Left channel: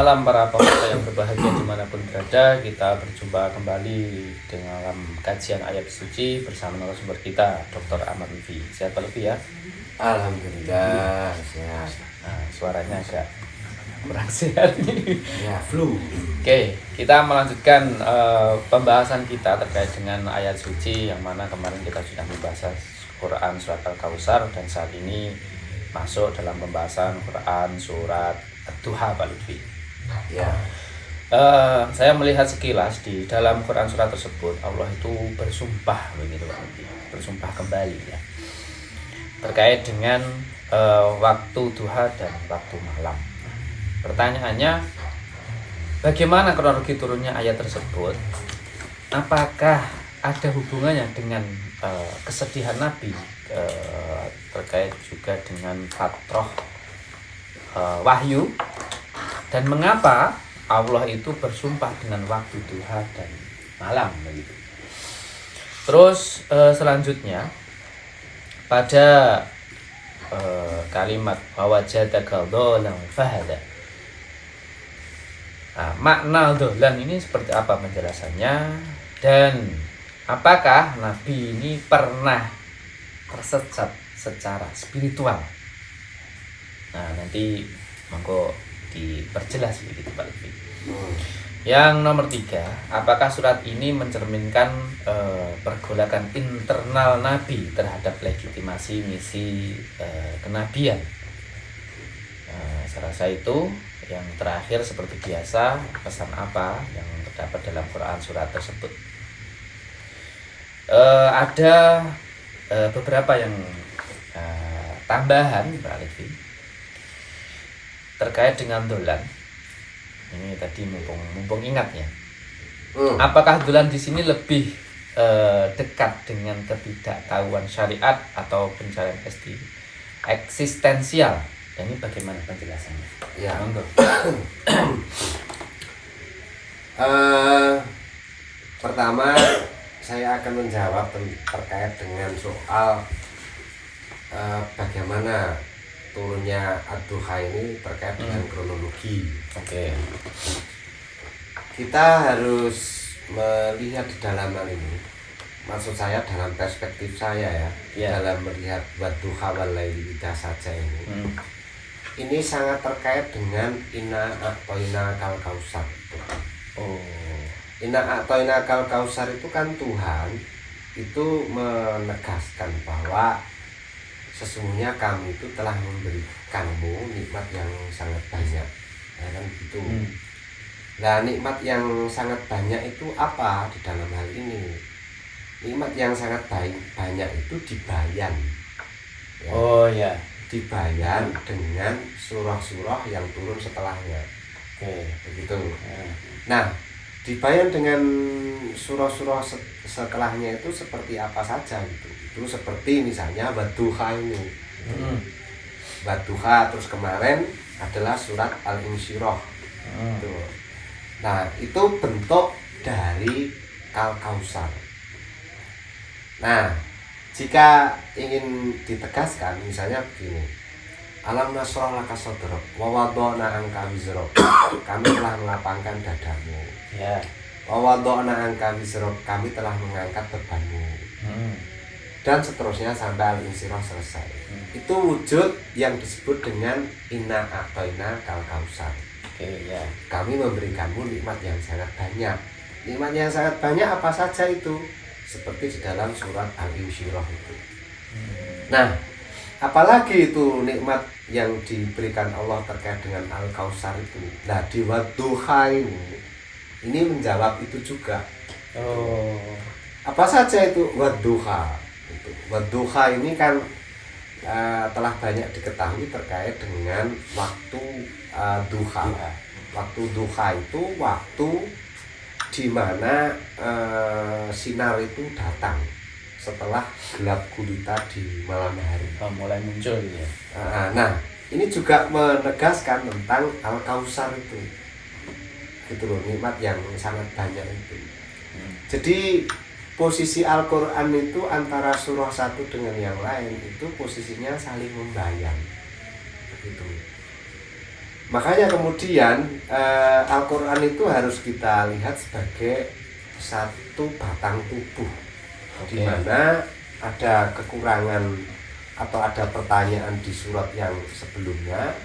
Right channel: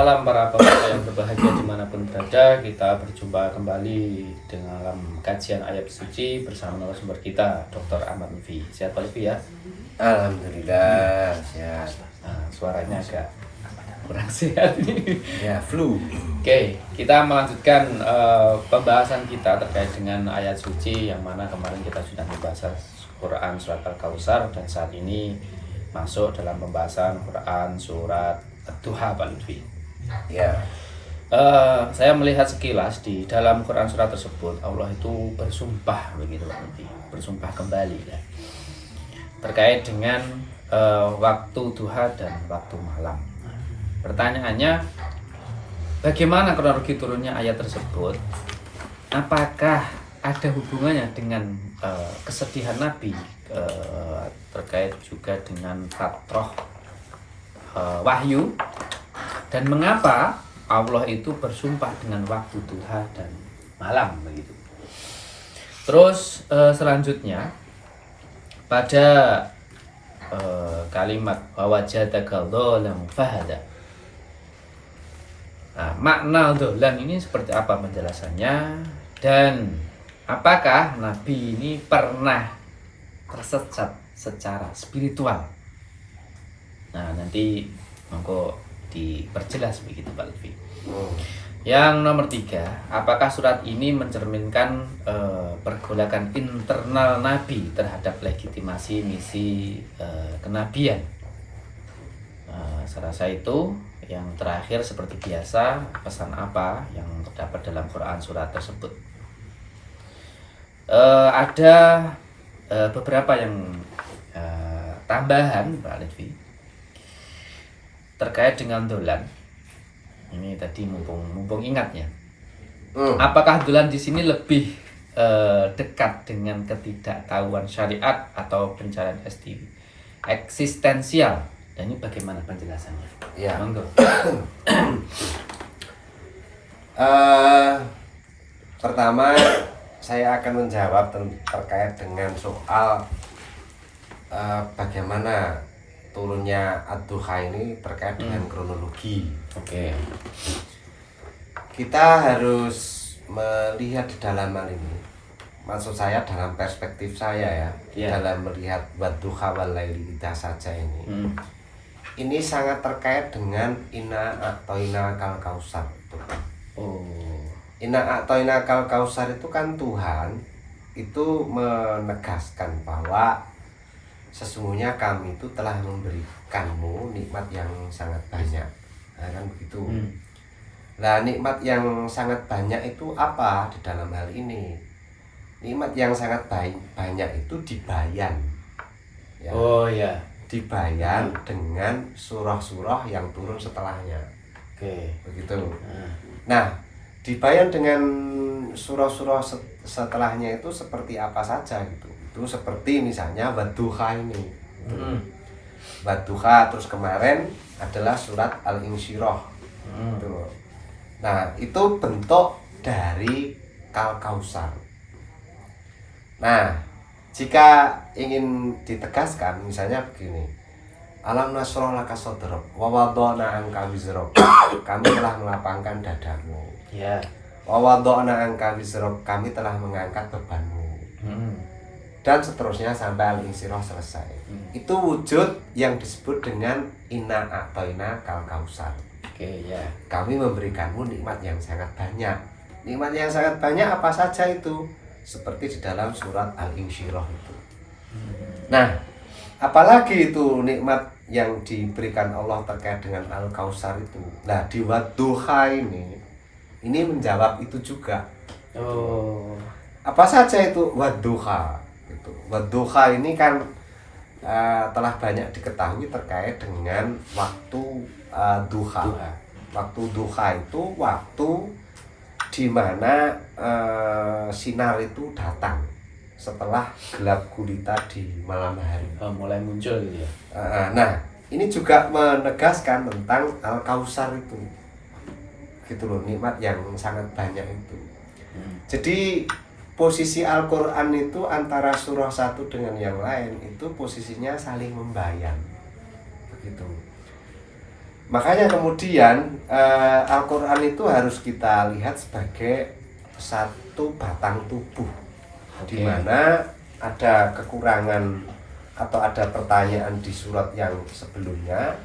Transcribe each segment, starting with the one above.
malam para pemirsa yang berbahagia dimanapun berada. Kita berjumpa kembali dalam kajian ayat suci bersama narasumber kita, Dr. Ahmad Lutfi. Sehat Pak Lutfi ya? Alhamdulillah sehat. Nah, suaranya agak kurang sehat nih. Ya flu. Oke, kita melanjutkan pembahasan kita terkait dengan ayat suci yang mana kemarin kita sudah membahas Quran surat Al-Kautsar dan saat ini masuk dalam pembahasan Quran surat Ad-Duha Pak Lutfi. Ya. Saya melihat sekilas di dalam Quran surat tersebut Allah itu bersumpah begitu Pak Lutfi, bersumpah kembali ya terkait dengan waktu duha dan waktu malam. Pertanyaannya, bagaimana kronologi turunnya ayat tersebut? Apakah ada hubungannya dengan kesedihan Nabi terkait juga dengan fatrah wahyu, dan mengapa Allah itu bersumpah dengan waktu duha dan malam begitu. Terus selanjutnya pada kalimat wajadaka dhalan fahada. Nah, makna dhalan ini seperti apa penjelasannya, dan apakah Nabi ini pernah tersesat secara spiritual? Nah, nanti monggo diperjelas begitu Pak Lutfi. Yang nomor 3, apakah surat ini mencerminkan pergolakan internal Nabi terhadap legitimasi misi kenabian? Saya rasa itu. Yang terakhir seperti biasa, pesan apa yang terdapat dalam Quran surat tersebut? Ada beberapa yang tambahan Pak Lutfi terkait dengan dolan. Ini tadi mumpung ingat ya. Apakah dolan di sini lebih dekat dengan ketidaktahuan syariat atau pencarian eksistensial? Dan ini bagaimana penjelasannya? Ya. Pertama saya akan menjawab terkait dengan soal bagaimana turunnya Ad-Duha ini terkait dengan kronologi. Oke. Kita harus melihat di dalam hal ini. Maksud saya dalam perspektif saya ya. Dalam melihat Wadduha wal laili idza saja ini. Ini sangat terkait dengan Inna a'toina kal kausar itu. Inna a'toina kal kausar itu kan Tuhan itu menegaskan bahwa sesungguhnya kami itu telah memberikanmu nikmat yang sangat banyak. Nah, kan begitu. Nah, nikmat yang sangat banyak itu apa di dalam hal ini? Nikmat yang sangat banyak itu dibayan. Ya. Oh ya. Dibayan dengan surah-surah yang turun setelahnya. Oke. Begitu. Nah, dibayan dengan surah-surah setelahnya itu seperti apa saja gitu. Itu seperti misalnya Wadduha ini. Wadduha, terus kemarin adalah surat Al-Insyirah. Nah, itu bentuk dari Kal-Kausar. Nah, jika ingin ditegaskan misalnya begini. Alam nasrah laka sadrak wa wada'na anka wizrak. Kami telah melapangkan dadamu. Ya. Wa wada'na anka wizrak, kami telah mengangkat bebanmu. Dan seterusnya sampai Al-Insyirah selesai. Itu wujud yang disebut dengan Inna a'toina kal kausar. Oke, ya. Kami memberikanmu nikmat yang sangat banyak. Nikmat yang sangat banyak apa saja itu? Seperti di dalam surat Al-Insyirah itu. Nah, apalagi itu nikmat yang diberikan Allah terkait dengan Al-Kausar itu. Nah, di Wadduha ini menjawab itu juga. Apa saja itu Wadduha? Wadduha ini kan telah banyak diketahui terkait dengan waktu duha. Waktu duha itu waktu di mana sinar itu datang setelah gelap gulita di malam hari. Mulai muncul ya. Nah, ini juga menegaskan tentang Al-Kausar itu. Gitu loh, nikmat yang sangat banyak itu. Jadi posisi Al-Quran itu antara surah satu dengan yang lain itu posisinya saling membayang. Begitu. Makanya kemudian Al-Quran itu harus kita lihat sebagai satu batang tubuh, di mana ada kekurangan atau ada pertanyaan di surat yang sebelumnya,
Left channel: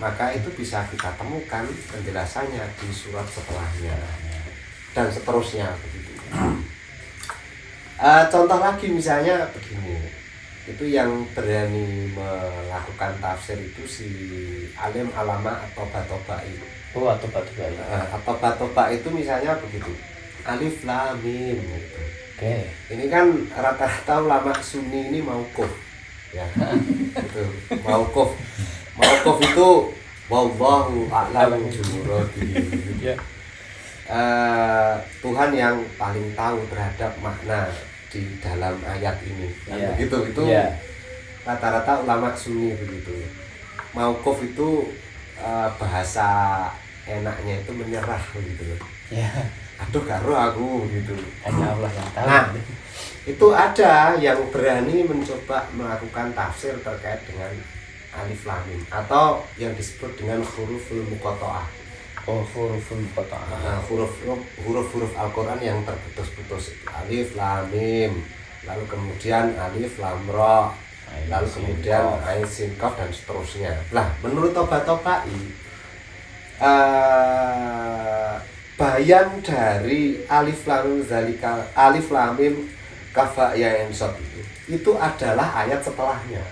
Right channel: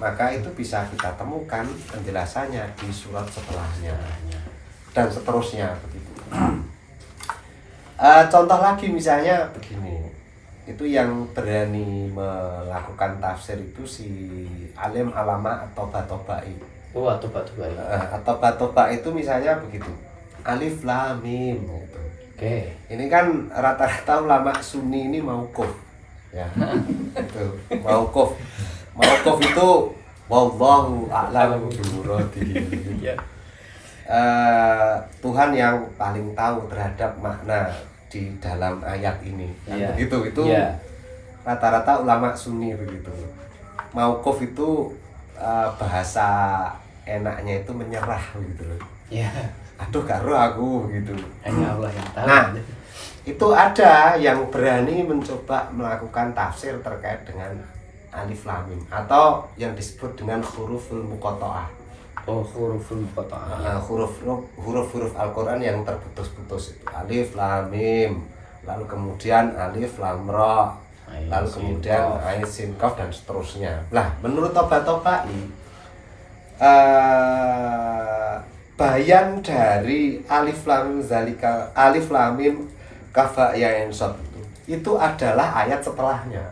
maka itu bisa kita temukan penjelasannya di surat setelahnya dan seterusnya begitu. Contoh lagi misalnya begini, itu yang berani melakukan tafsir itu si alim alama atau batobai. Atau batobai. Atau batobai itu misalnya begitu, alif lam mim gitu. Oke. Ini kan rata-rata ulama sunni ini mauquf ya. Itu mauquf itu wallahu a'lam bimuradihi. Tuhan yang paling tahu terhadap makna di dalam ayat ini kan begitu. Itu rata-rata ulama sunni begitu. Mauquf itu bahasa enaknya itu menyerah gitu. Aduh karo aku gitu. Hanya Allah yang tahu. Nah, itu ada yang berani mencoba melakukan tafsir terkait dengan alif lam mim atau yang disebut dengan huruful muqatta'ah. Huruful muqatta'ah. Huruf-huruf Al-Qur'an yang terputus-putus itu alif lam mim, lalu kemudian alif lam ra, lalu kemudian ain sin qaf dan seterusnya. Nah, menurut Toba-Tobai bayan dari alif lam mim zalika, alif lam mim kafa ya ensot itu adalah ayat setelahnya.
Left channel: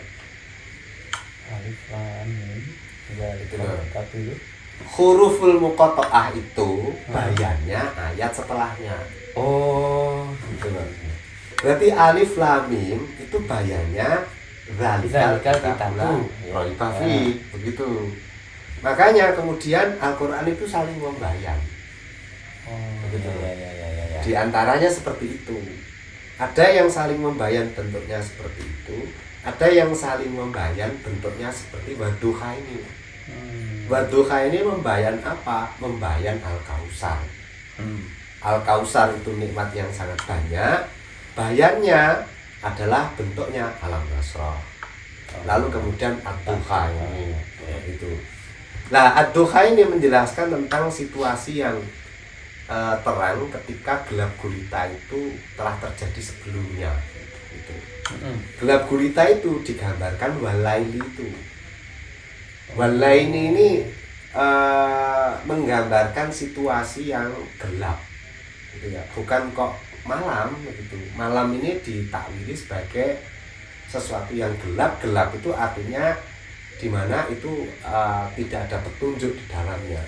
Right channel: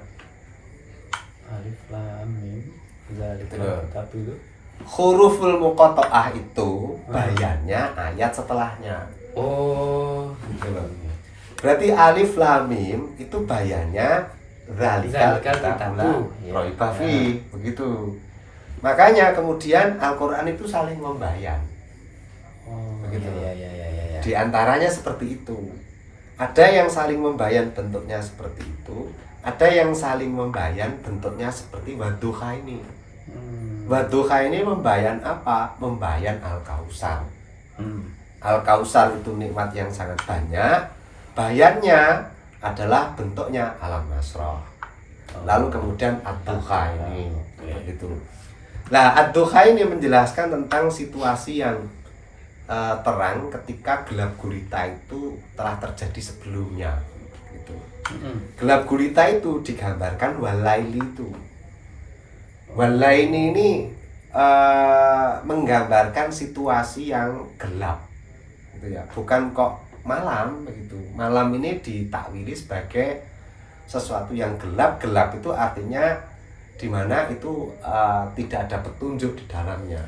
Alif lam mim zalika tapi huruful muqatta'ah itu bayannya ayat setelahnya. Gitu loh. Berarti alif lam mim itu bayannya zalikal kitabu raiba fi, begitu. Makanya kemudian Al-Qur'an itu saling membayan. Begitu. Ya. Di antaranya seperti itu. Ada yang saling membayan bentuknya seperti itu, ada yang saling membayan bentuknya seperti Wadduha ini. Wadduha ini membayan apa? Membayan Al-Kausar. Al-Kausar itu nikmat yang sangat banyak. Bayannya adalah bentuknya Alam Nasrah. Lalu kemudian Ad-Duha ini begitu. Nah, Ad-Duha ini menjelaskan tentang situasi yang terang ketika gelap gulita itu telah terjadi sebelumnya gitu. Gelap gulita itu digambarkan walaili itu. Walaili ini menggambarkan situasi yang gelap gitu ya, bukan kok malam begitu. Malam ini ditakwili sebagai sesuatu yang gelap. Gelap itu artinya di mana itu tidak ada petunjuk di dalamnya,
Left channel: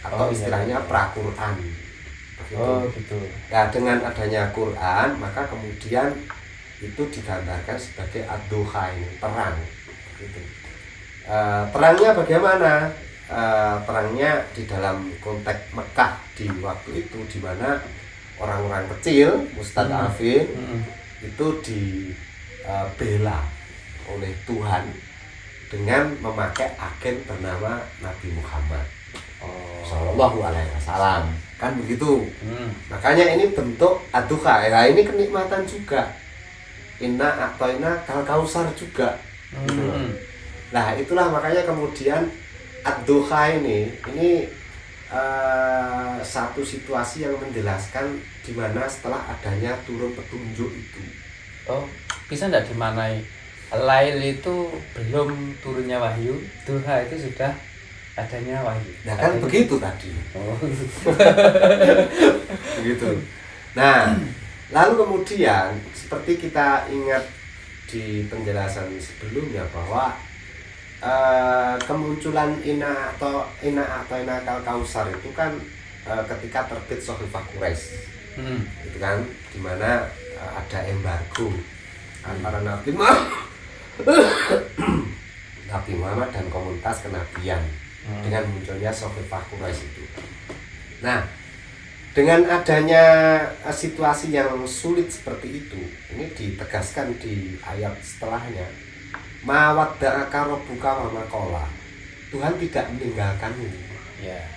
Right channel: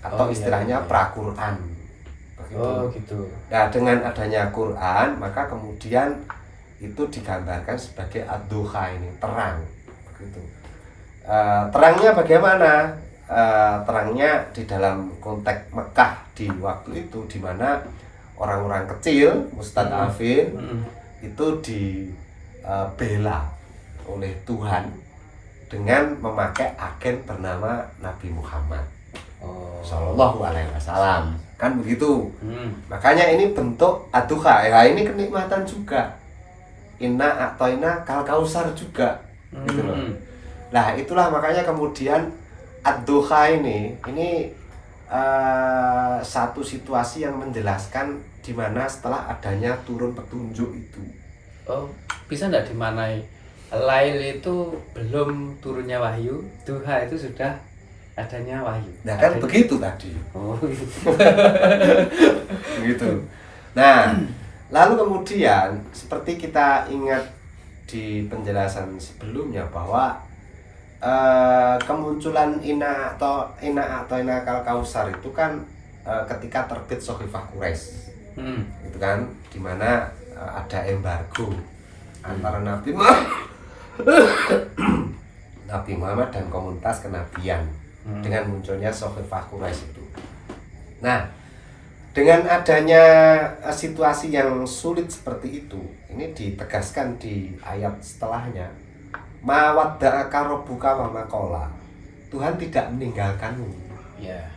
atau istilahnya pra-Quran gitu. Nah, dengan adanya Quran maka kemudian itu digambarkan sebagai ad-duha ini, terang gitu. Terangnya bagaimana? Terangnya di dalam konteks Mekah di waktu itu, di mana orang-orang kecil mustadafin itu dibela oleh Tuhan dengan memakai agen bernama Nabi Muhammad Sallallahu Alaihi Wasallam, kan begitu. Makanya ini bentuk ad-duha. Ya, ini kenikmatan juga. Inna a'toina kal kausar juga. Gitu loh. Nah, itulah makanya kemudian ad-duha ini satu situasi yang menjelaskan di mana setelah adanya turun petunjuk itu. Bisa enggak dimanai Lail itu belum turunnya wahyu, duha itu sudah adanya wahyu. Nah, kan begitu tadi. Begitu. Nah, lalu kemudian seperti kita ingat di penjelasan sebelumnya bahwa kemunculan ina atau ina kal kausar itu kan ketika terbit Sohifah Quraisy. Itu kan dimana ada embargo antara Nabi Muhammad dan komunitas kenabian dengan munculnya Sohifah Quraisy itu. Nah, dengan adanya situasi yang sulit seperti itu, ini ditegaskan di ayat setelahnya, ma wadda'aka rabbuka wa ma qala. Tuhan tidak meninggalkanmu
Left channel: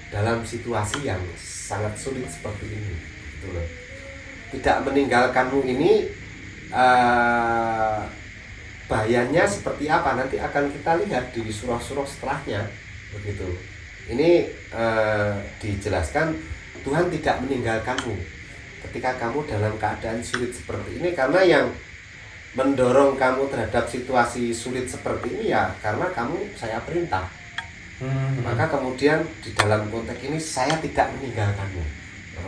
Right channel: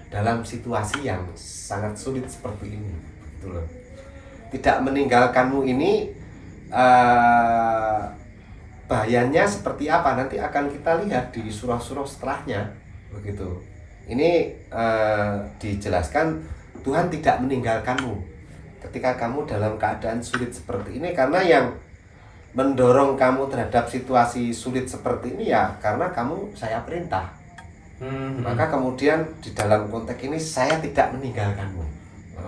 dalam situasi yang sangat sulit seperti ini. Gitu loh. Tidak meninggalkanmu ini bayannya seperti apa nanti akan kita lihat di surah-surah setelahnya. begitu. Ini dijelaskan Tuhan tidak meninggalkanmu ketika kamu dalam keadaan sulit seperti ini, karena yang mendorong kamu terhadap situasi sulit seperti ini ya karena kamu saya perintah. Maka kemudian di dalam konteks ini saya tidak meninggalkanmu,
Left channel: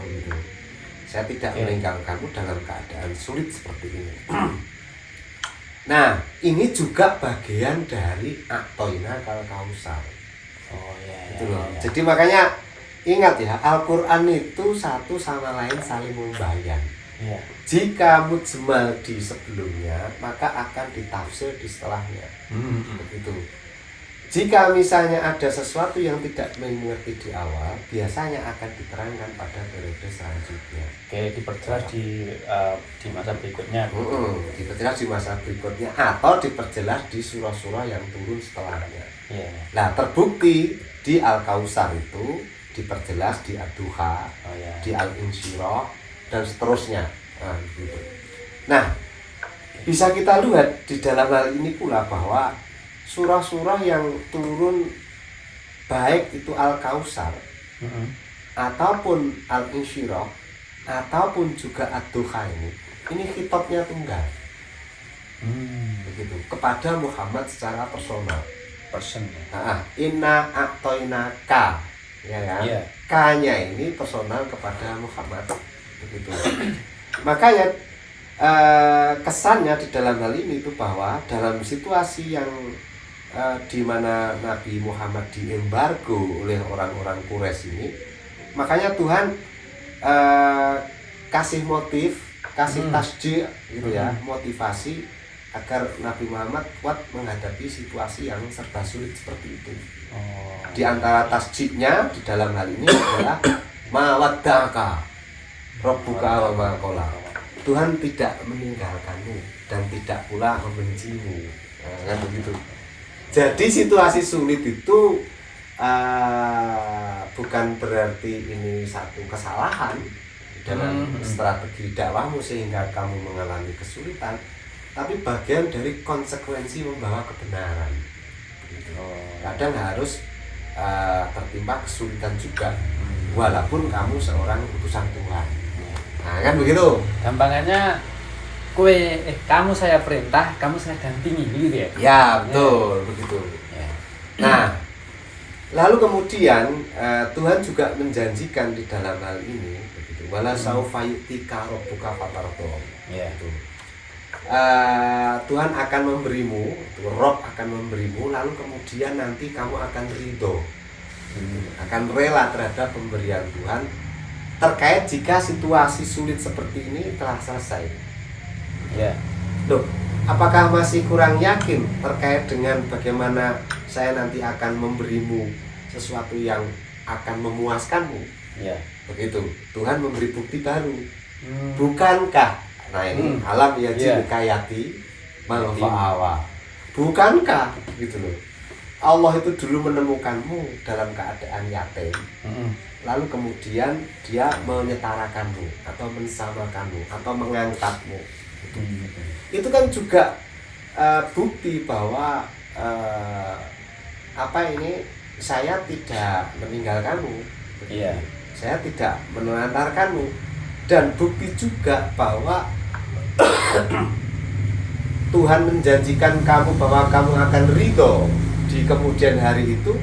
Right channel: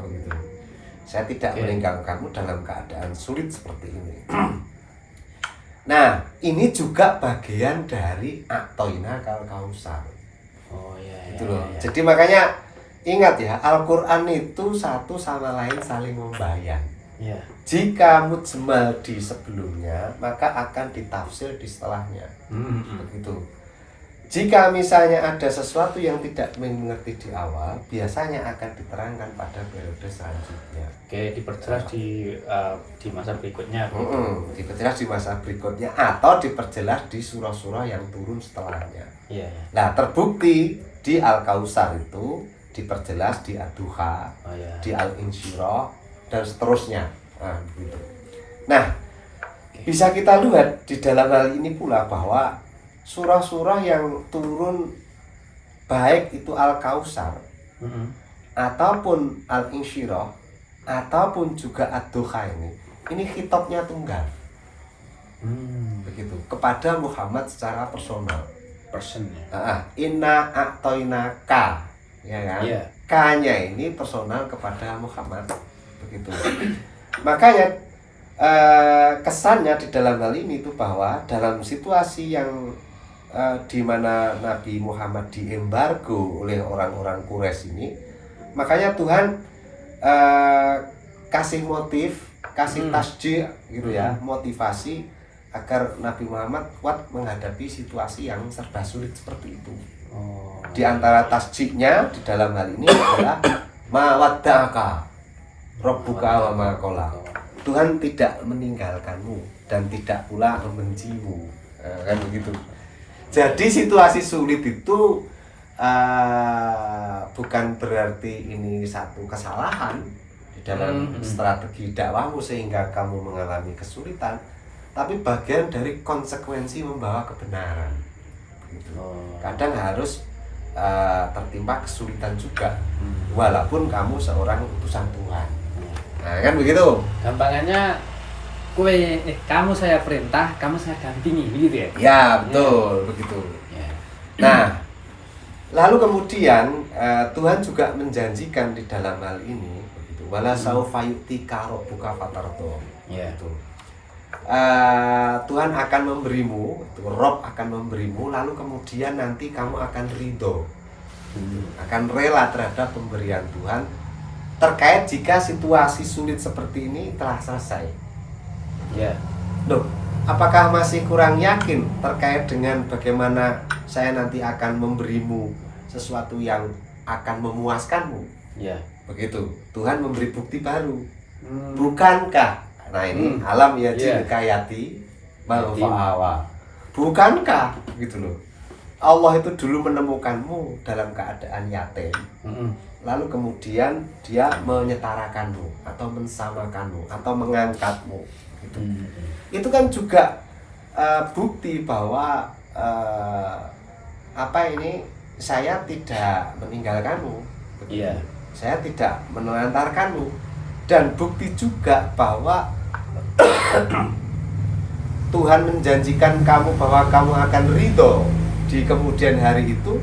gitu. Saya tidak meninggalkanmu dalam keadaan sulit seperti ini. Nah, ini juga bagian dari aktoina kal kausar. Oh iya. Gitu loh. Jadi makanya ingat ya, Al-Qur'an itu satu sama lain saling membayang. Iya. Jika mujmal di sebelumnya, maka akan ditafsir di setelahnya. Begitu. Jika misalnya ada sesuatu yang tidak mengerti di awal, biasanya akan diterangkan pada periode selanjutnya. Oke, diperjelas di masa berikutnya. Diperjelas di masa berikutnya atau diperjelas di surah-surah yang turun setelahnya. Iya. Nah, terbukti di Al-Kausar itu diperjelas di Ad-Duha, di Al-Insyirah dan seterusnya. Gitu. Nah, bisa kita lihat di dalam hal ini pula bahwa surah-surah yang turun baik itu Al-Kausar ataupun Al-Insyirah ataupun juga Ad-Duha ini khitabnya tunggal. Begitu, kepada Muhammad secara personal. Inna a'toina ka, ya kan? Yeah. K-nya ini personal kepada Muhammad. Begitu. Makanya kesannya di dalam hal ini itu bahwa dalam situasi yang di mana Nabi Muhammad diembargo oleh orang-orang Quraisy ini, makanya Tuhan kasih motif, kasih tasjih gitu ya, motivasi agar Nabi Muhammad kuat menghadapi situasi yang serba sulit seperti itu. Di antara tasjihnya di dalam hal ini adalah mawadda'aka rabbuka wa ma qala. Tuhan tidak meninggalkanmu dan tidak pula membencimu. Kan begitu. Jadi situasi sulit itu bukan berarti ini satu kesalahan dalam strategi dakwahmu sehingga kamu mengalami kesulitan, tapi bagian dari konsekuensi membawa kebenaran. Kadang harus tertimpa kesulitan juga, walaupun kamu seorang utusan Tuhan. Nah, kan begitu. Gampangannya kamu saya perintah, kamu saya dampingi gitu ya. Ya, betul, begitu. Ya. Nah, lalu kemudian Tuhan juga menjanjikan di dalam hal ini begitu. Wala saufa yu'tika rabbuka fatardo. Ya. Gitu. Tuhan akan memberimu, Rob akan memberimu, lalu kemudian nanti kamu akan ridho, akan rela terhadap pemberian Tuhan terkait jika situasi sulit seperti ini telah selesai. Ya. Loh, apakah masih kurang yakin terkait dengan bagaimana saya nanti akan memberimu sesuatu yang akan memuaskanmu? Ya. Begitu. Tuhan memberi bukti baru. Bukankah? Nah ini alam yajid kayati manfa'awa. Bukankah gitu loh. Allah itu dulu menemukanmu dalam keadaan yatim. Lalu kemudian dia menyetarakanmu atau mensamakanmu atau mengangkatmu. Itu kan juga bukti bahwa saya tidak meninggalkanmu. Iya. Saya tidak menelantarkanmu, dan bukti juga bahwa Tuhan menjanjikan kamu bahwa kamu akan ridho di kemudian hari itu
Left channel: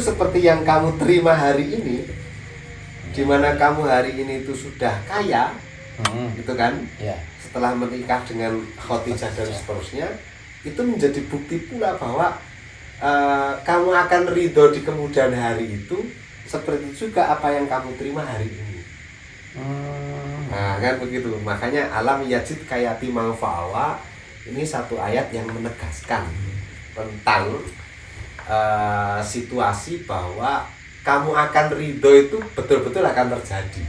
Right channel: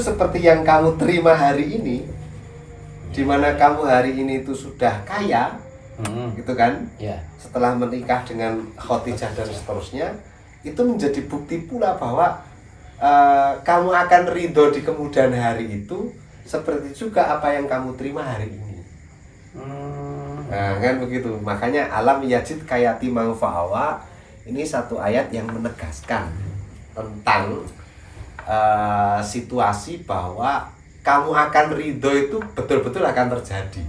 seperti yang kamu terima hari ini, di mana kamu hari ini itu sudah kaya, gitu kan? Ya. Setelah menikah dengan Khadijah dan seterusnya, itu menjadi bukti pula bahwa kamu akan ridho di kemudian hari itu, seperti juga apa yang kamu terima hari ini. Nah, kan begitu. Makanya alam yajid kayati manfa'awa ini satu ayat yang menegaskan tentang situasi bahwa kamu akan ridho itu betul-betul akan terjadi.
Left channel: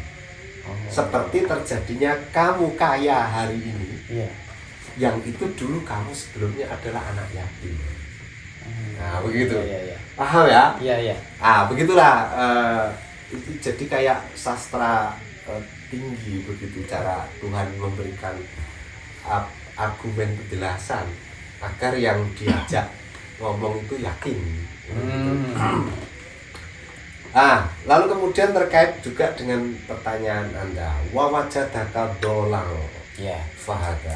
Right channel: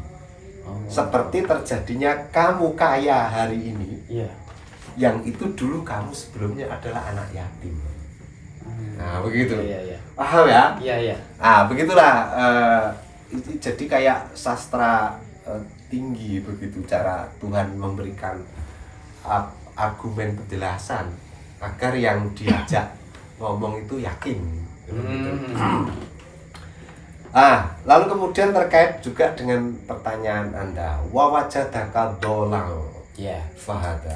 Seperti terjadinya kamu kaya hari ini, yang itu dulu kamu sebelumnya adalah anak yatim. Nah begitu. Paham ya? Iya. Begitulah. Jadi kayak sastra tinggi begitu cara Tuhan memberikan argumen penjelasan agar yang diajak ngomong itu yakin. Hmm. Lalu kemudian terkait juga dengan pertanyaan Anda, wa wajadaka dolang Ya. fahada.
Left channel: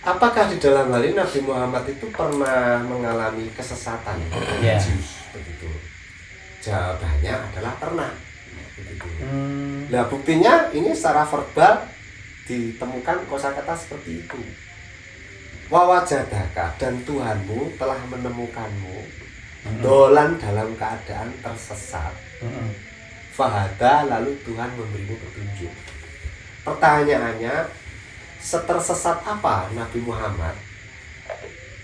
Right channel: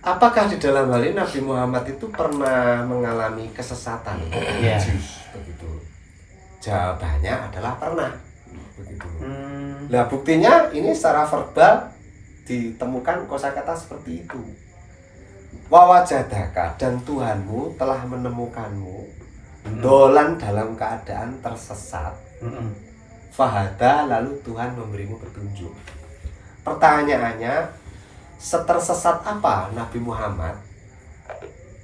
Apakah di dalam hal ini Nabi Muhammad itu pernah mengalami kesesatan religius begitu? Jawabannya adalah pernah. Begitu. Nah, buktinya ini secara verbal ditemukan kosakata seperti itu. Wa wajadaka, dan Tuhanmu telah menemukanmu dolan dalam keadaan tersesat. Fahada, lalu Tuhan memberimu petunjuk. Pertanyaannya, setersesat apa Nabi Muhammad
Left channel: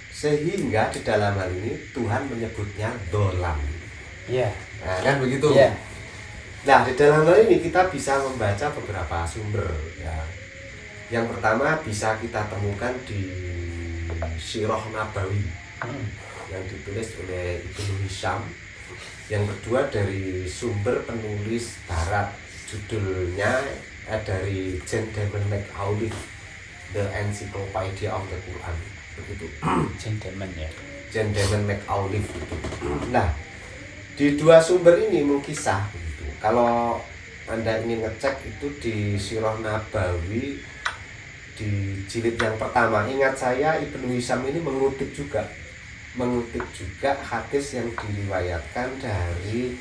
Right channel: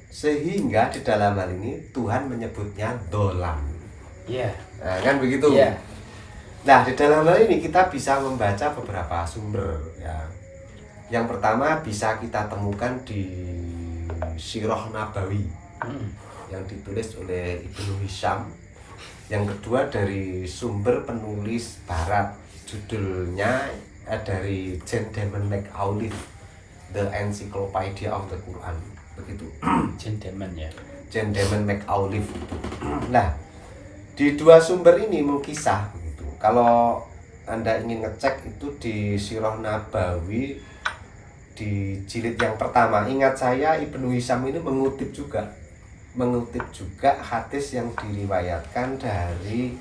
sehingga di dalam hal ini Tuhan menyebutnya dolam? Ya. Nah, kan begitu. Ya. Nah, di dalam hal ini kita bisa membaca beberapa sumber ya. Yang pertama bisa kita temukan di Sirah Nabawi yang ditulis oleh Ibnu Hisham. Yang kedua dari sumber penulis barat, judulnya dari John Damon McAuliffe, The Encyclopedia of the Quran, begitu. John Damon McAuliffe itu. Nah, di dua sumber ini mengkisah begitu. Kalau Anda ingin ngecek itu di Sirah Nabawi di jilid yang pertama. Ingat saya Ibnu Hisham ini mengutip juga hadis yang diriwayatkan dari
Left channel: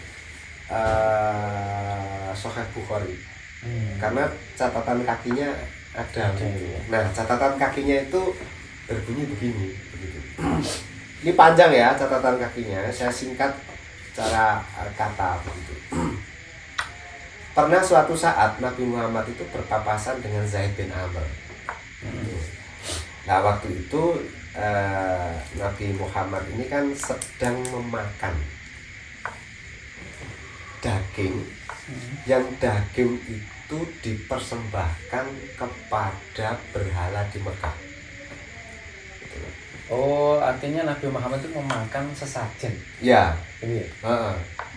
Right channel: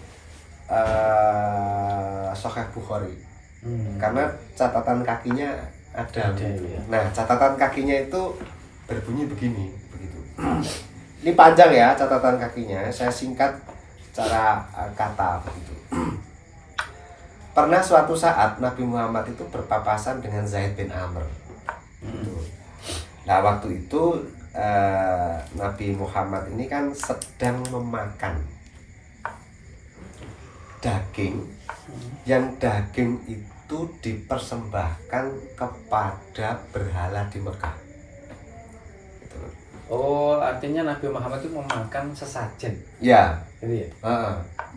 Sahih Bukhari. Karena catatan kakinya ada. Nah, catatan kakinya itu berbunyi begini, begitu. Ini panjang ya catatan kakinya, saya singkat secara kata begitu. Pernah suatu saat Nabi Muhammad itu berpapasan dengan Zaid bin Amr. Nah, waktu itu Nabi Muhammad ini kan sedang memakan daging, yang daging itu dipersembahkan kepada berhala di Mekah. Oh, artinya Nabi Muhammad itu memakan sesajen. Ya, Iya.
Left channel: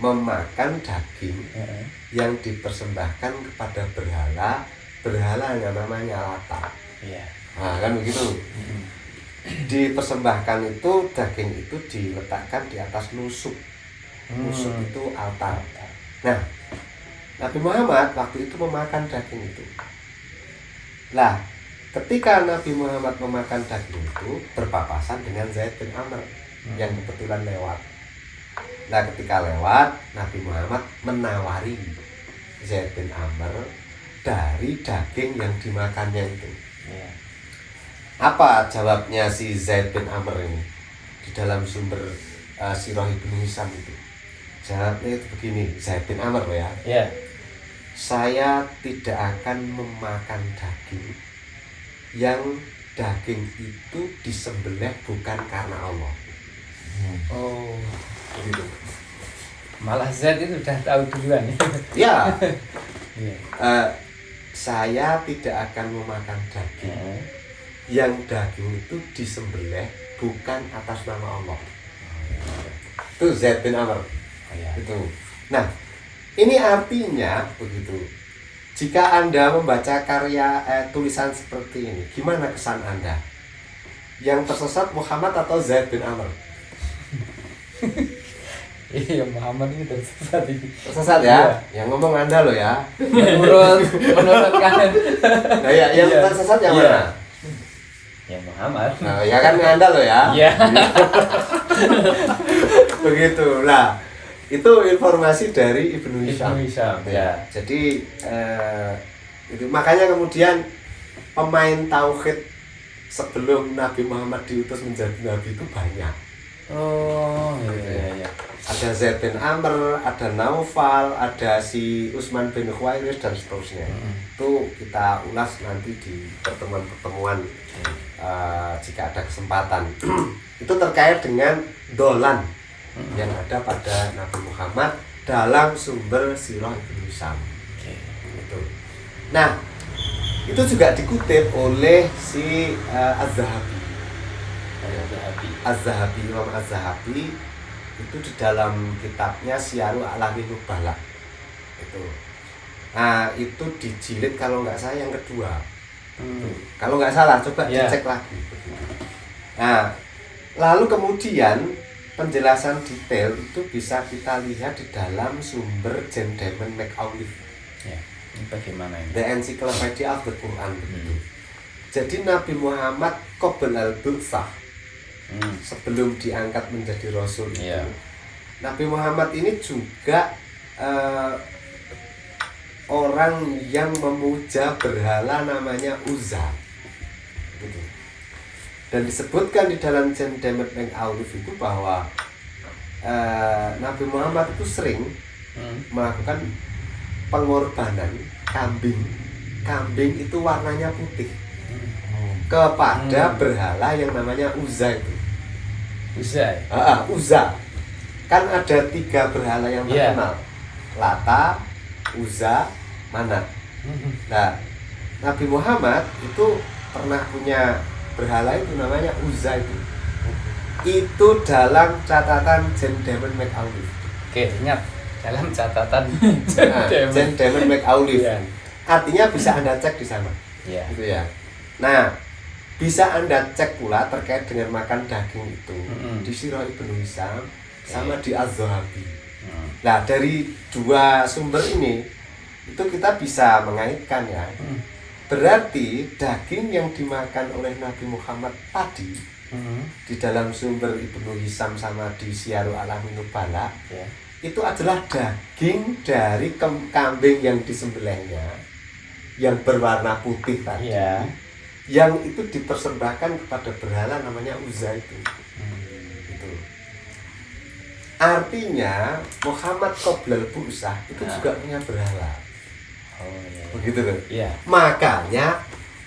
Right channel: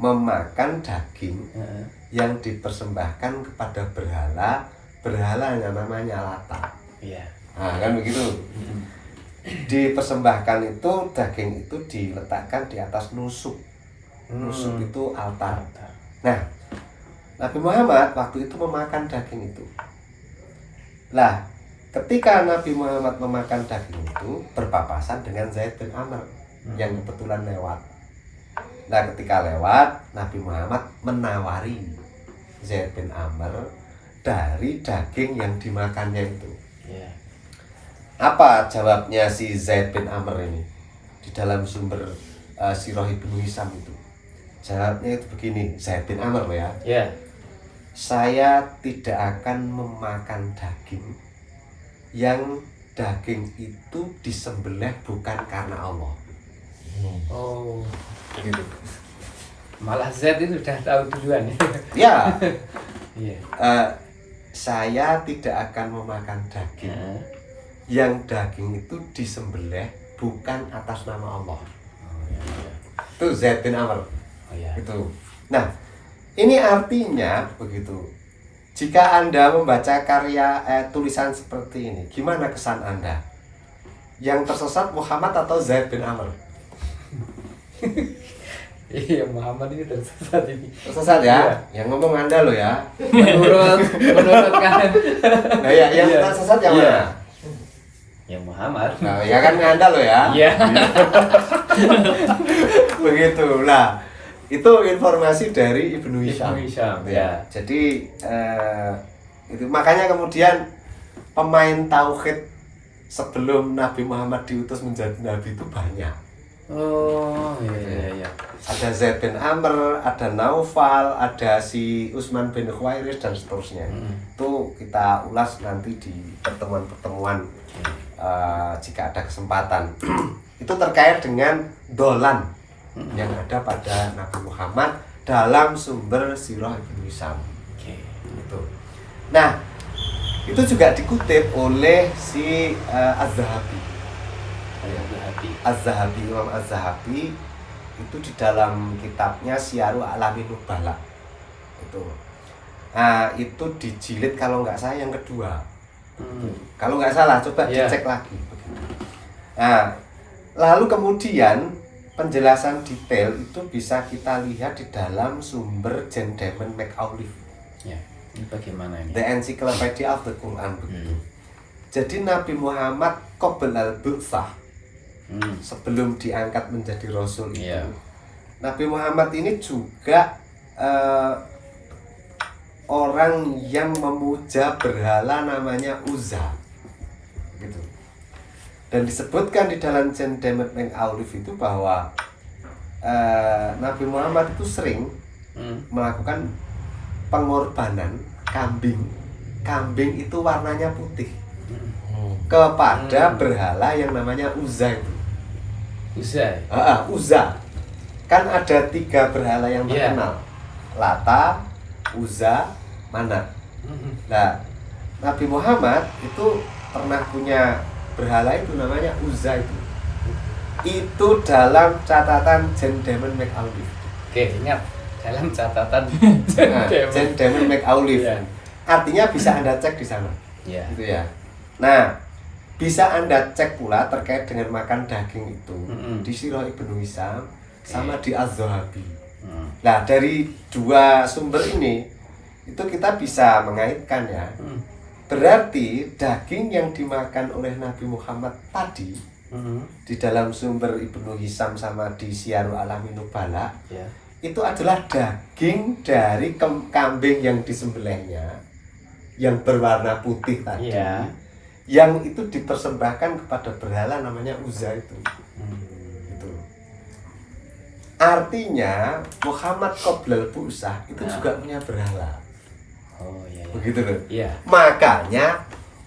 memakan daging yang dipersembahkan kepada berhala yang namanya Lata. Iya. Nah, kan begitu. Dipersembahkan itu daging itu diletakkan di atas nusuk. Nusuk itu altar. Nah, Nabi Muhammad waktu itu memakan daging itu. Lah, ketika Nabi Muhammad memakan daging itu berpapasan dengan Zaid bin Amr yang kebetulan lewat. Nah, ketika lewat, Nabi Muhammad menawari Zaid bin Amr dari daging yang dimakannya itu. Yeah. Apa jawabnya si Zaid bin Amr ini di dalam sumber Sirah Ibnu Hisham itu? Jawabnya itu begini, Zaid bin Amr ya. Yeah. Saya tidak akan memakan daging yang daging itu disembelih bukan karena Allah. Oh, Begitu. malah Z itu udah tahu duluan. Ya. Yeah. Saya tidak akan memakan daging yang daging itu disembelih bukan atas nama Allah. Itu Zaid bin Amr. Itu. Nah, ini artinya begitu. Jika Anda membaca karya tulisan seperti ini, gimana kesan Anda? Yang tersesat Muhammad atau Zaid bin Amr? Iya, Muhammad ini tersesat ini. Tersesat ya? Iya. Yang ngomong Anda loh ya. Menurut kan. Nah, ya, yang Iya. tersesat yang Iya. mana? Ya Muhammad. Nah, ya kan Anda loh ya. Iya. Begitu. Nah, itu informasi dari Ibnu Hisham. Ya. Jadi itu makanya kemudian pemain tauhid sebelum Nabi Muhammad diutus menjadi nabi itu banyak. Oh, iya. Ada Zaid bin Amr, ada Naufal, ada si Utsman bin Khuwairis dan seterusnya. Itu kita ulas nanti di pertemuan-pertemuan jika ada kesempatan. Itu terkait dengan dolan yang ada pada Nabi Muhammad dalam sumber Sirah Ibnu Hisham. Itu. Nah, itu juga dikutip oleh si Az-Zahabi. Az-Zahabi, Imam Az-Zahabi itu di dalam kitabnya Syiaru A'lamin Nubala. Itu. Nah, itu dijilid kalau nggak salah yang kedua. Kalau nggak salah, coba dicek lagi. Nah, Lalu kemudian penjelasan detail itu bisa kita lihat di dalam sumber Jan Damon McAuliffe. Ya, ini bagaimana ini? The Encyclopedia of the Quran begitu. Jadi Nabi Muhammad qabla al-bu'tsah, sebelum diangkat menjadi rasul itu. Ya. Nabi Muhammad ini juga orang yang memuja berhala namanya Uzza. Gitu. Dan disebutkan di dalam Jan Damon McAuliffe itu bahwa Nabi Muhammad itu sering melakukan pengorbanan kambing. Kambing itu warnanya putih kepada berhala yang namanya Uzza itu. Uzza. Uzza. Kan ada 3 berhala yang terkenal. Lata, Uzza, Manat. Nah, Nabi Muhammad itu pernah punya berhala itu namanya Uzza itu. Itu dalam catatan Jan Damon McAuliffe. Oke, ingat dalam catatan Jan Damon McAuliffe. Ya. Artinya bisa Anda cek di sana. Ya. Gitu ya. Nah, bisa Anda cek pula terkait dengan makan daging itu di Sirah Ibnu Hisam sama di Az-Zahabi. Nah, dari 2 sumber ini itu kita bisa mengaitkan ya. Berarti daging yang dimakan oleh Nabi Muhammad tadi di dalam sumber Ibnu Hisam sama di Syiarul Alamin Nubala itu adalah daging dari kambing yang disembelihnya yang berwarna putih tadi, yang itu dipersembahkan kepada berhala namanya Uzza itu. Gitu. Artinya Muhammad qoblal bu'tsah itu juga punya berhala. Begitu loh. Makanya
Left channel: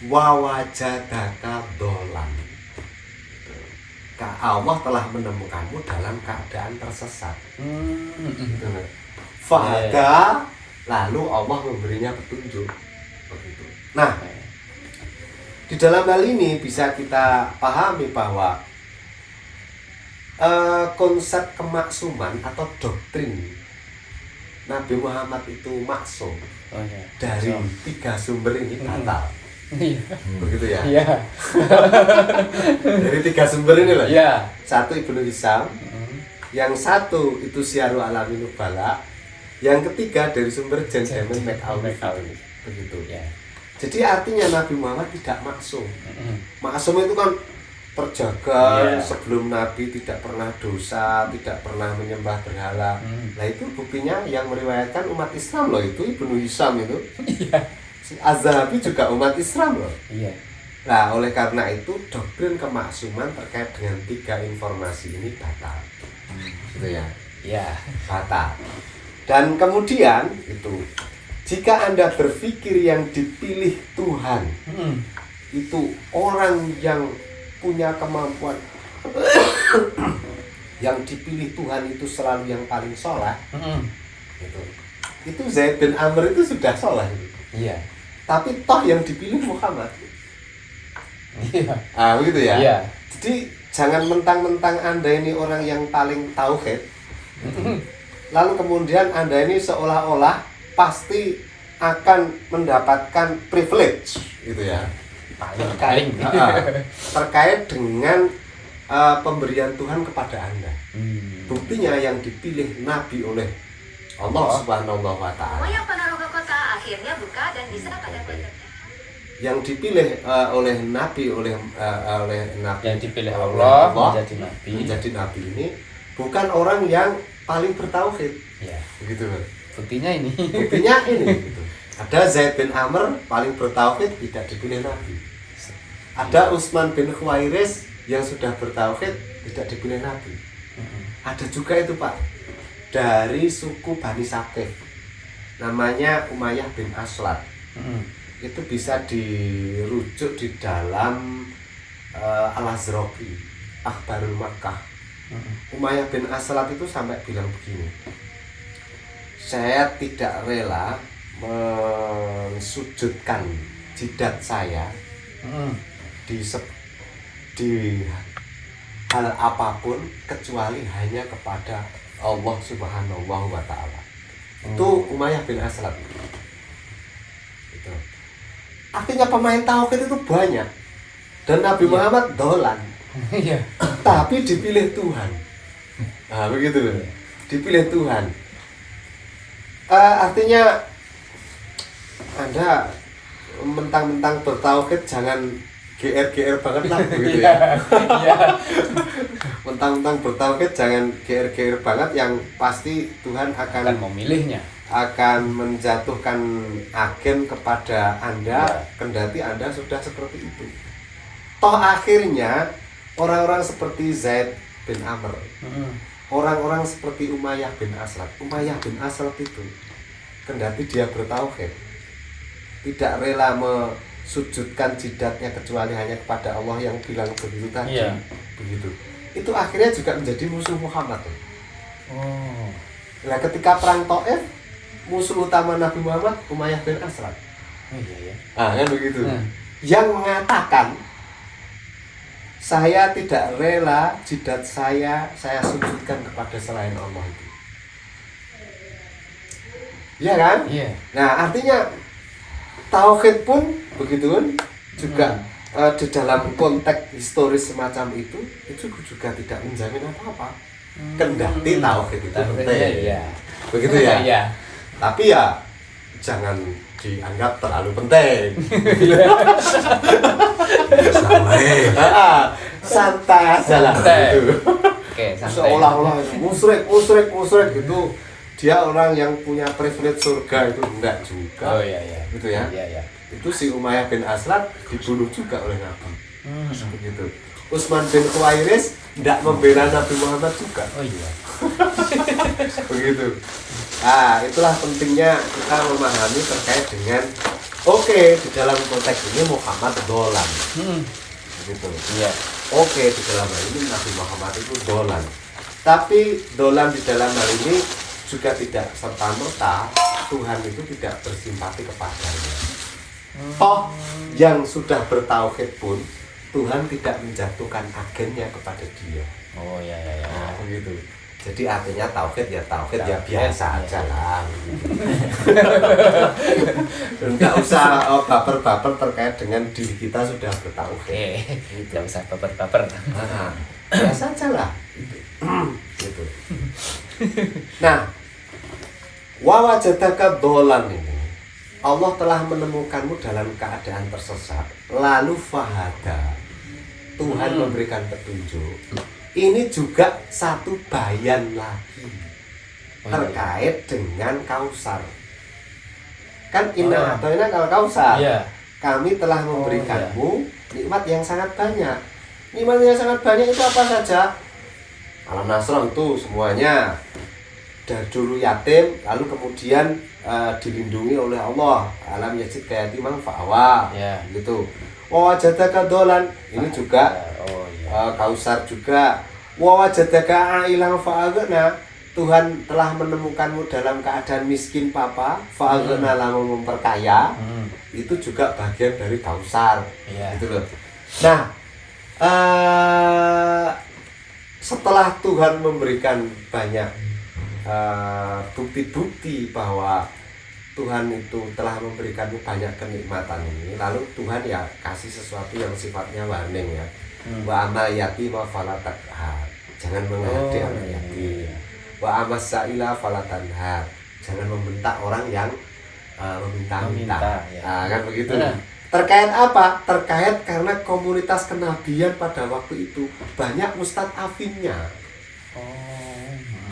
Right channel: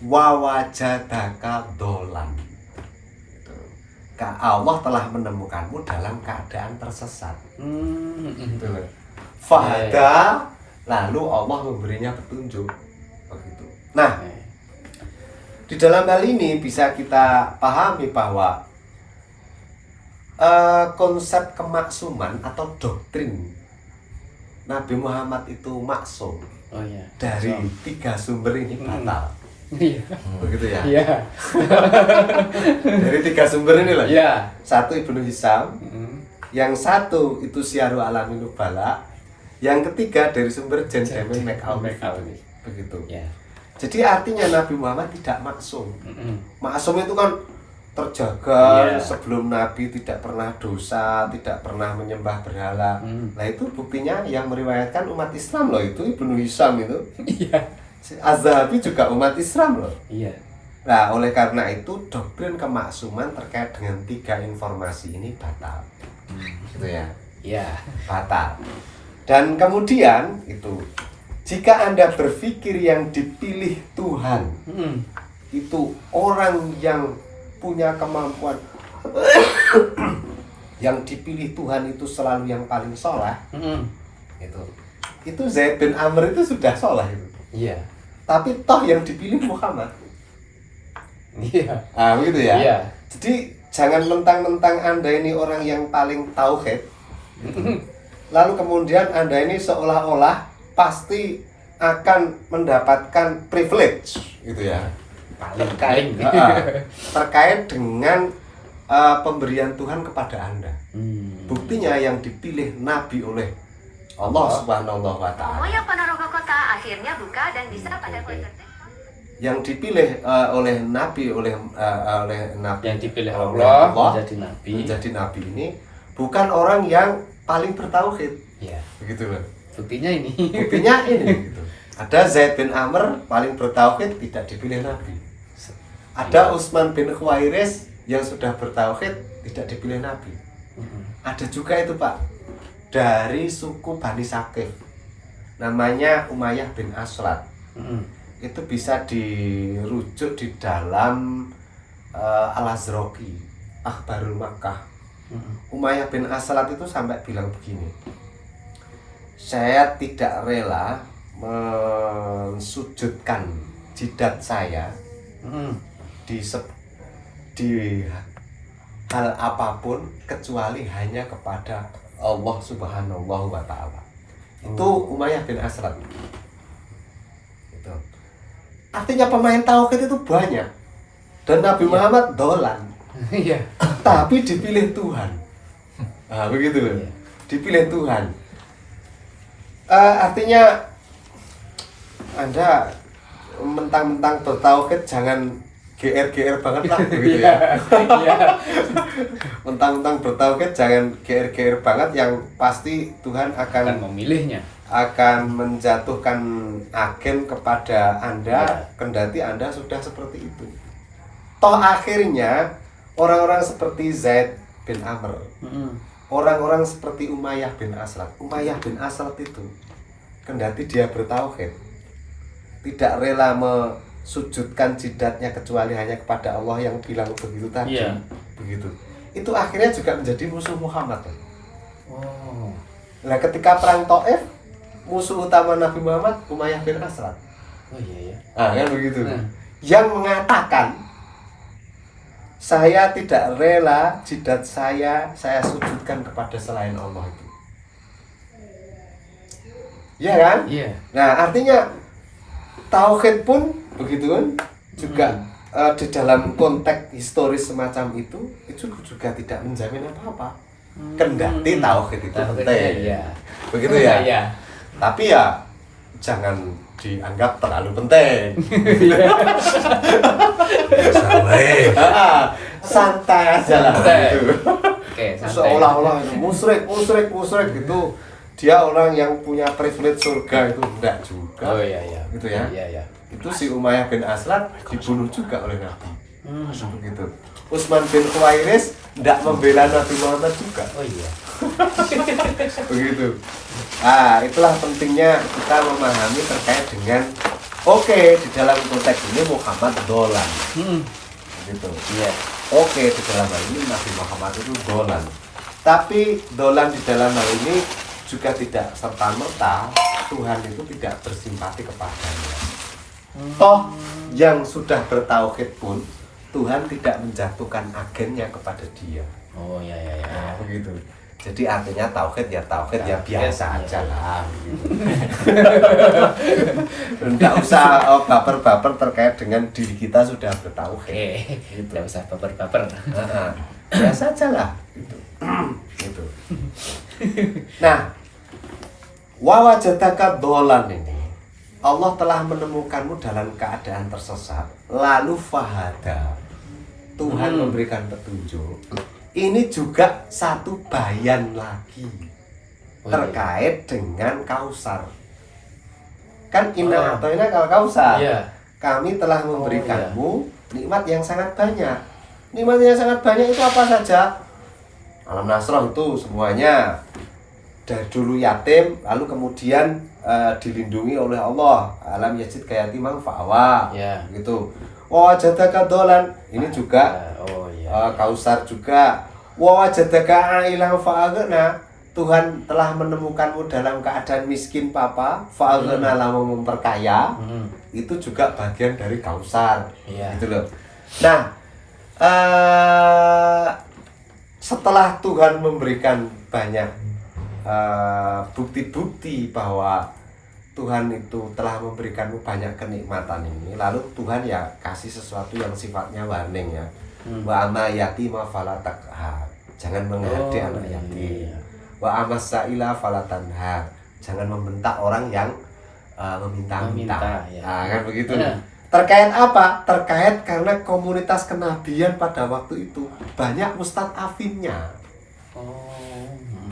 wawajadaka dolan. Allah telah menemukanmu dalam keadaan tersesat. Gitu loh. Fahada, lalu Allah memberinya petunjuk. Begitu. Nah, di dalam hal ini bisa kita pahami bahwa konsep kemaksuman atau doktrin Nabi Muhammad itu maksum dari 3 sumber ini batal. Begitu ya? Dari 3 sumber ini loh. Satu Ibnu Hisam, yang satu itu Syiarul Alamin Nubala, yang ketiga dari sumber Jan Damon McAuliffe. Begitu. Jadi artinya Nabi Muhammad tidak maksum. Maksum itu kan terjaga sebelum Nabi tidak pernah dosa, tidak pernah menyembah berhala. Nah itu buktinya yang meriwayatkan umat Islam loh, itu Ibnu Hisam itu. Az-Zahabi juga umat Islam loh. Nah oleh karena itu doktrin kemaksuman terkait dengan 3 informasi ini batal. Gitu ya. Batal. Dan kemudian itu jika Anda berpikir yang dipilih Tuhan itu orang yang punya kemampuan yang dipilih Tuhan itu selalu yang paling soleh, itu Zaid bin Amr itu sudah soleh itu. Tapi toh yang dipilih Muhammad. Begitu ya. Jadi jangan mentang-mentang Anda ini orang yang paling tauhid, lalu kemudian Anda ini seolah-olah pasti akan mendapatkan privilege, gitu ya. Terkait dengan pemberian Tuhan kepada Anda. Buktinya yang dipilih Nabi oleh Allah Subhanahu wa Ta'ala. Akhirnya buka dan bisa pada konsepnya. Yang dipilih oleh Nabi, oleh Nabi yang dipilih Allah menjadi Nabi ini bukan orang yang paling bertauhid. Begitu loh. Buktinya ini gitu. Ada Zaid bin Amr paling bertauhid tidak dipilih Nabi. Ada Utsman bin Khuwairis yang sudah bertauhid tidak dipilih Nabi. Ada juga itu Pak, dari suku Bani Saqif, namanya Umayyah bin Aslat. Itu bisa dirujuk di dalam Al-Azraqi, Akhbarul Makkah. Umayyah bin Aslat itu sampai bilang begini, saya tidak rela mensujudkan jidat saya di hal apapun kecuali hanya kepada Allah Subhanahu wa Ta'ala. Itu Umayyah bin Aslat. Artinya pemain tauhid itu banyak. Dan Nabi Muhammad dolan. Iya. tapi dipilih Tuhan. Nah, begitu loh. Dipilih Tuhan. Artinya Anda mentang-mentang bertauhid jangan GR banget lah begitu ya. Iya. Mentang-mentang bertauhid jangan GR banget, yang pasti Tuhan Akan akan memilihnya. menjatuhkan agen kepada Anda, Ya. kendati Anda sudah seperti itu. Toh akhirnya orang-orang seperti Zaid bin Amr, orang-orang seperti Umayyah bin Asrat itu, kendati dia bertauhid, tidak rela sujudkan jidatnya kecuali hanya kepada Allah yang bilang begitu tadi. Iya. Begitu. Itu akhirnya juga menjadi musuh Muhammad. Oh. Nah, ketika perang Taif, musuh utama Nabi Muhammad Umayyah bin Asrat. Oh iya ya. Kan begitu. Yang mengatakan, saya tidak rela jidat saya sujudkan kepada selain Allah itu. Iya kan? Iya. Nah, artinya tauhid pun begitu kan juga di dalam konteks historis semacam itu juga tidak menjamin apa-apa. Kendati tauhid itu penting. Iya. Begitu ya? Iya. Tapi ya jangan dianggap terlalu penting. Santai aja lah gitu. Oke, santai. Seolah-olah musyrik gitu. Dia orang yang punya privilege surga itu enggak juga. Oh iya iya. Gitu ya. Iya iya. Itu si Umayyah bin Aslat dibunuh juga oleh Nabi. Begitu. Utsman bin Khuwairis tidak membela Nabi Muhammad juga. Oh iya. Begitu. Itulah pentingnya kita memahami terkait dengan di dalam konteks ini Muhammad dolan. Gitu. Iya. Di dalam hal ini Nabi Muhammad itu dolan. Tapi dolan di dalam hal ini juga tidak serta-merta Tuhan itu tidak bersimpati kepadanya. Toh yang sudah bertauhid pun Tuhan tidak menjatuhkan agennya kepada dia. Oh iya iya iya. Nah, begitu. Jadi artinya tauhid ya biasa aja lah. Enggak usah baper-baper terkait dengan diri kita sudah bertauhid. Tidak usah baper-baper. Biasa aja lah. Gitu. Nah, wawajadaka dolan ini, Allah telah menemukanmu dalam keadaan tersesat, lalu fahada, Tuhan memberikan petunjuk. Ini juga satu bayan lagi terkait dengan Kausar. Kan inna atoina kal Kausar. Iya. Kami telah memberikanmu nikmat yang sangat banyak. Nikmat yang sangat banyak itu apa saja? Alam Nasrah itu semuanya. Dari dulu yatim, lalu kemudian dilindungi oleh Allah. Alam yajid kayatimang fa'awa. Ya. Gitu. Wawajadaka dolan, ini juga Kausar juga. Wawajadaka ailang fa'aghna, Tuhan telah menemukanmu dalam keadaan miskin papa, fa'aghna lamu memperkaya. Itu juga bagian dari Kausar. Iya. Gitu loh. Nah, setelah Tuhan memberikan banyak bukti-bukti bahwa Tuhan itu telah memberikanmu banyak kenikmatan ini, lalu Tuhan ya kasih sesuatu yang sifatnya warning ya. Wa amal yatima fala taqhar, jangan menghati anak yatim. Wa amas sa'ila fala tanhar, jangan membentak orang yang meminta-minta. Ya. Kan begitu. Terkait apa? Terkait karena komunitas kenabian pada waktu itu banyak mustad'afinnya.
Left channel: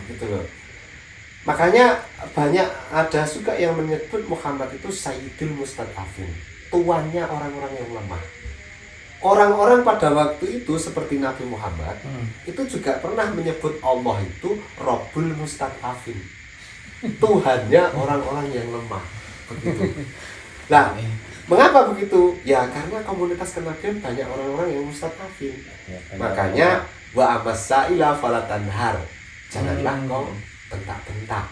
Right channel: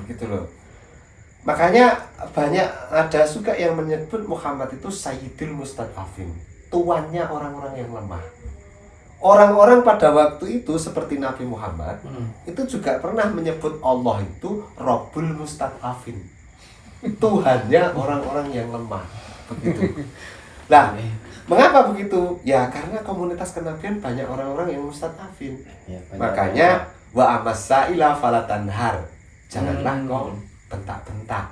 Gitu loh. Makanya banyak ada juga yang menyebut Muhammad itu Sayyidul Mustad'afin, tuannya orang-orang yang lemah. Orang-orang pada waktu itu seperti Nabi Muhammad itu juga pernah menyebut Allah itu Rabbul Mustad'afin, Tuhannya orang-orang yang lemah. Begitu. Lah, mengapa begitu? Ya karena komunitas kenabian banyak orang-orang yang mustad'afin. Makanya wa amasaila falatanhar, janganlah kau bentak-bentak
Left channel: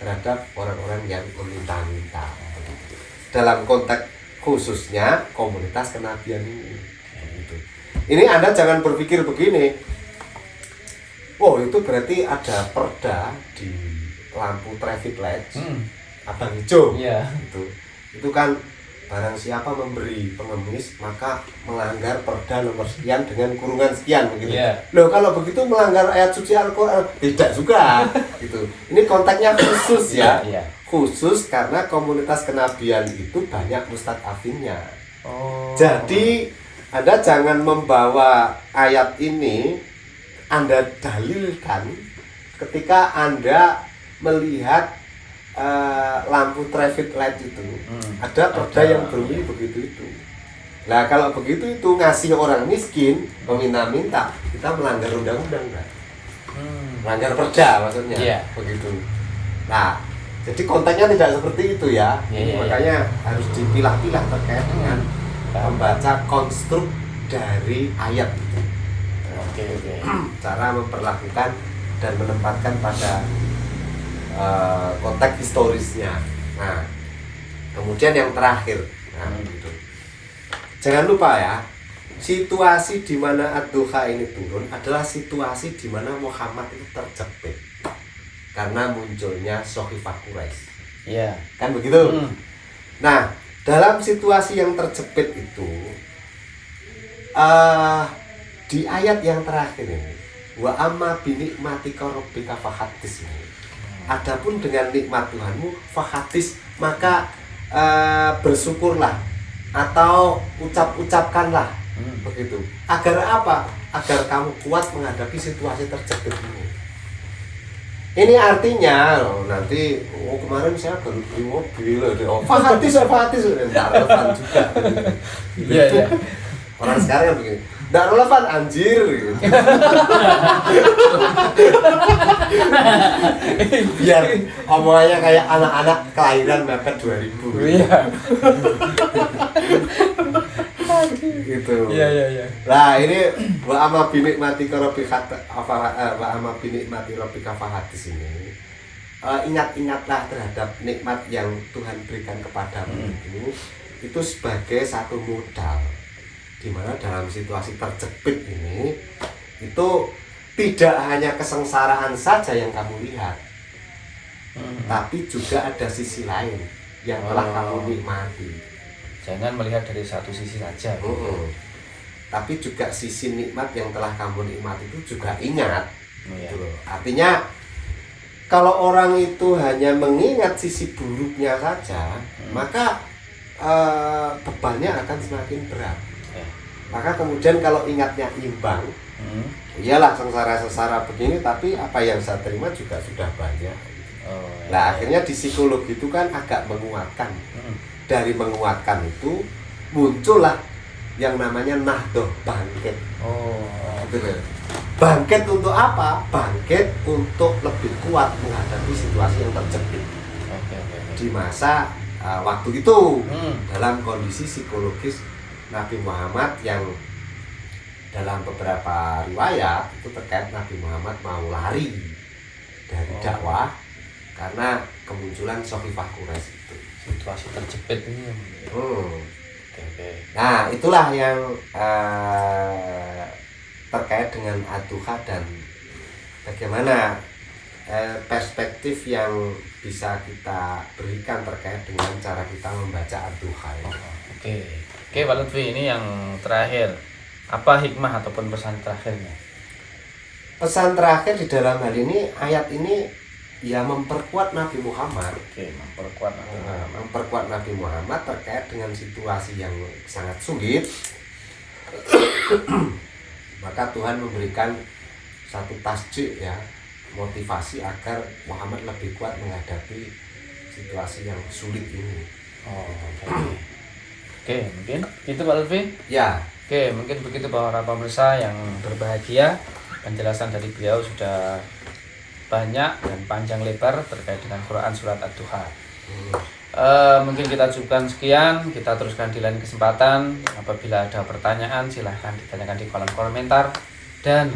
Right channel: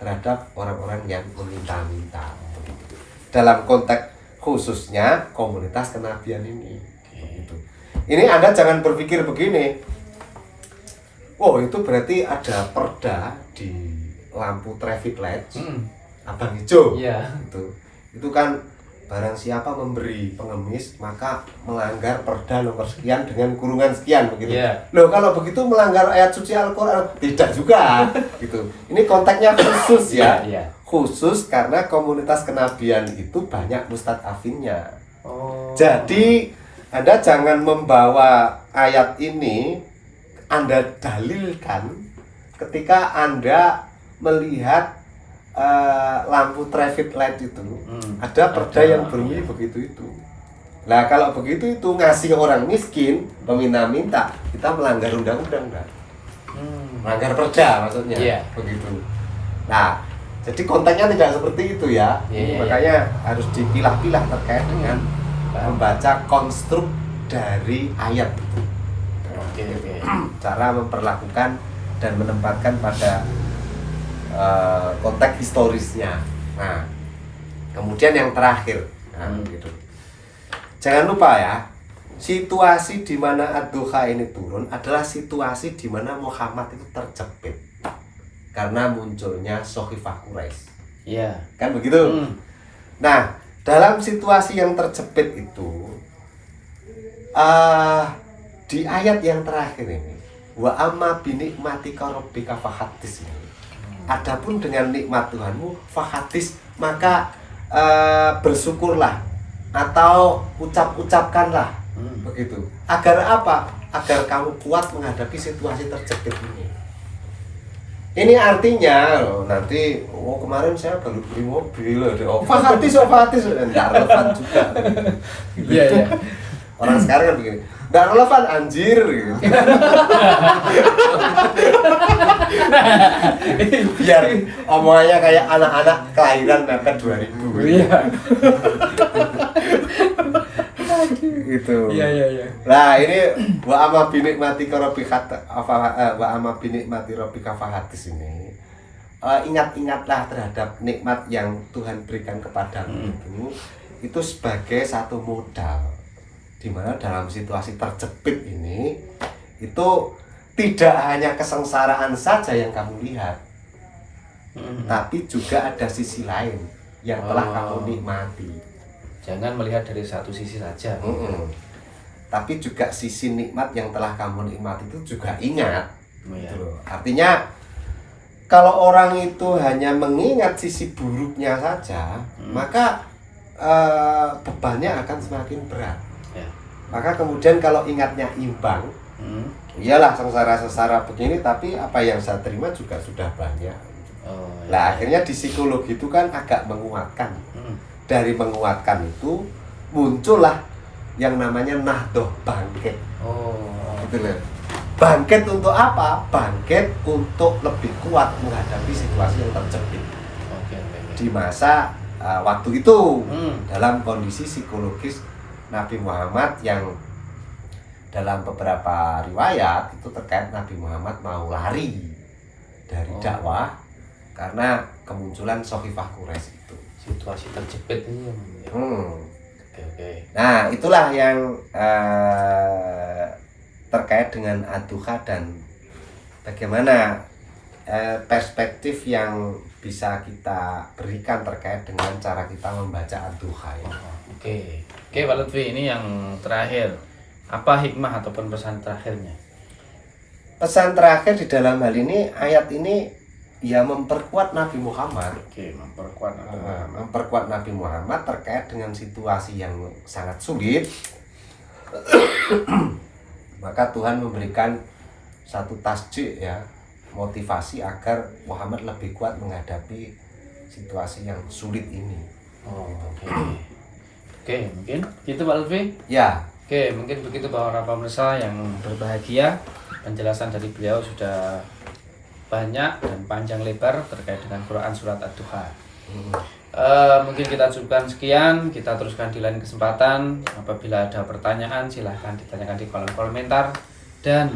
terhadap orang-orang yang meminta-minta. Dalam konteks khususnya komunitas kenabian ini. Gitu. Ini Anda jangan berpikir begini. Oh, itu berarti ada perda di lampu traffic light abang hijau. Iya. Itu kan barang siapa memberi pengemis maka melanggar perda nomor sekian dengan kurungan sekian begitu. Iya. Loh kalau begitu melanggar ayat suci Al-Qur'an? Tidak juga gitu. Ini konteksnya khusus ya. Iya. Khusus karena komunitas kenabian itu banyak mustadzafinnya. Oh. Jadi Anda jangan membawa ayat ini Anda dalilkan ketika Anda melihat lampu traffic light itu ada perda yang berbunyi begitu itu. Nah kalau begitu itu ngasih orang miskin meminta-minta, kita melanggar undang-undang kan? Melanggar perda maksudnya. Iya. Begitu. Nah jadi konteksnya tidak seperti itu ya. Iya, Makanya harus dipilah-pilah terkait dengan membaca konstruk dari ayat itu. Oke. Cara memperlakukan dan menempatkan pada konteks historisnya. Nah, kemudian yang terakhir, gitu. Jangan lupa ya, situasi di mana Ad-Duha ini turun adalah situasi di mana Muhammad itu terjepit karena munculnya Sohifah Quraisy. Iya. Kan begitu? Nah, dalam situasi yang terjepit itu, di ayat yang terakhir ini, wa amma binikmatika rabbika fahaddits ini. Adapun dengan nikmat Tuhanmu fahaddits, maka bersyukurlah atau ucapkanlah begitu. Agar apa? Agar kamu kuat menghadapi situasi terjepit ini. Ini artinya nanti kemarin saya baru beli mobil fahaddits enggak relevan juga. Iya. Orang sekarang kan begini, enggak relevan anjir gitu. Biar omongannya kayak anak-anak kelahiran mepet 2000. Iya. Gitu. Iya. Nah, ini wa amma binikmatika rabbika fahaddits ini. Ingat-ingatlah terhadap nikmat yang Tuhan berikan kepadamu itu sebagai satu modal. Di mana dalam situasi terjepit ini itu tidak hanya kesengsaraan saja yang kamu lihat, tapi juga ada sisi lain yang telah kamu nikmati. Jangan melihat dari satu sisi saja. Tapi juga sisi nikmat yang telah kamu nikmati itu juga ingat. Iya. Gitu loh. Artinya kalau orang itu hanya mengingat sisi buruknya saja, maka bebannya akan semakin berat. Ya. Maka kemudian kalau ingatnya imbang, iyalah sengsara begini, tapi apa yang saya terima juga sudah banyak. Nah akhirnya di psikologi itu kan agak menguatkan. Dari menguatkan itu muncullah yang namanya nahdoh, bangkit. Bangkit untuk apa? Bangkit untuk lebih kuat menghadapi situasi yang terjepit. Di masa waktu itu dalam kondisi psikologis Nabi Muhammad yang dalam beberapa riwayat itu terkait Nabi Muhammad mau lari dari dakwah karena kemunculan Sohifah Quraisy itu. Situasi terjepit ini. Nah itulah yang terkait dengan Ad-Duha dan bagaimana perspektif yang bisa kita berikan terkait dengan cara kita membaca Ad-Duha ya. Oke, Pak Lutfi, ini yang terakhir. Apa hikmah ataupun pesan terakhirnya? Pesan terakhir di dalam hal ini, ayat ini ya memperkuat Nabi Muhammad. Memperkuat Nabi Muhammad terkait dengan situasi yang sangat sulit. Maka Tuhan memberikan satu tasjid ya, motivasi agar Muhammad lebih kuat menghadapi situasi yang sulit ini. Oke, mungkin itu Pak Lutfi. Ya. Oke, mungkin begitu para pemirsa yang berbahagia. Penjelasan dari beliau sudah banyak dan panjang lebar terkait dengan Quran surat Ad-Duha. Mungkin kita cukupkan sekian. Kita teruskan di lain kesempatan. Apabila ada pertanyaan silahkan ditanyakan di kolom komentar. Dan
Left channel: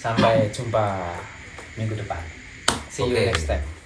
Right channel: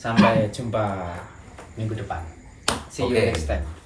sampai jumpa minggu depan. See you next time.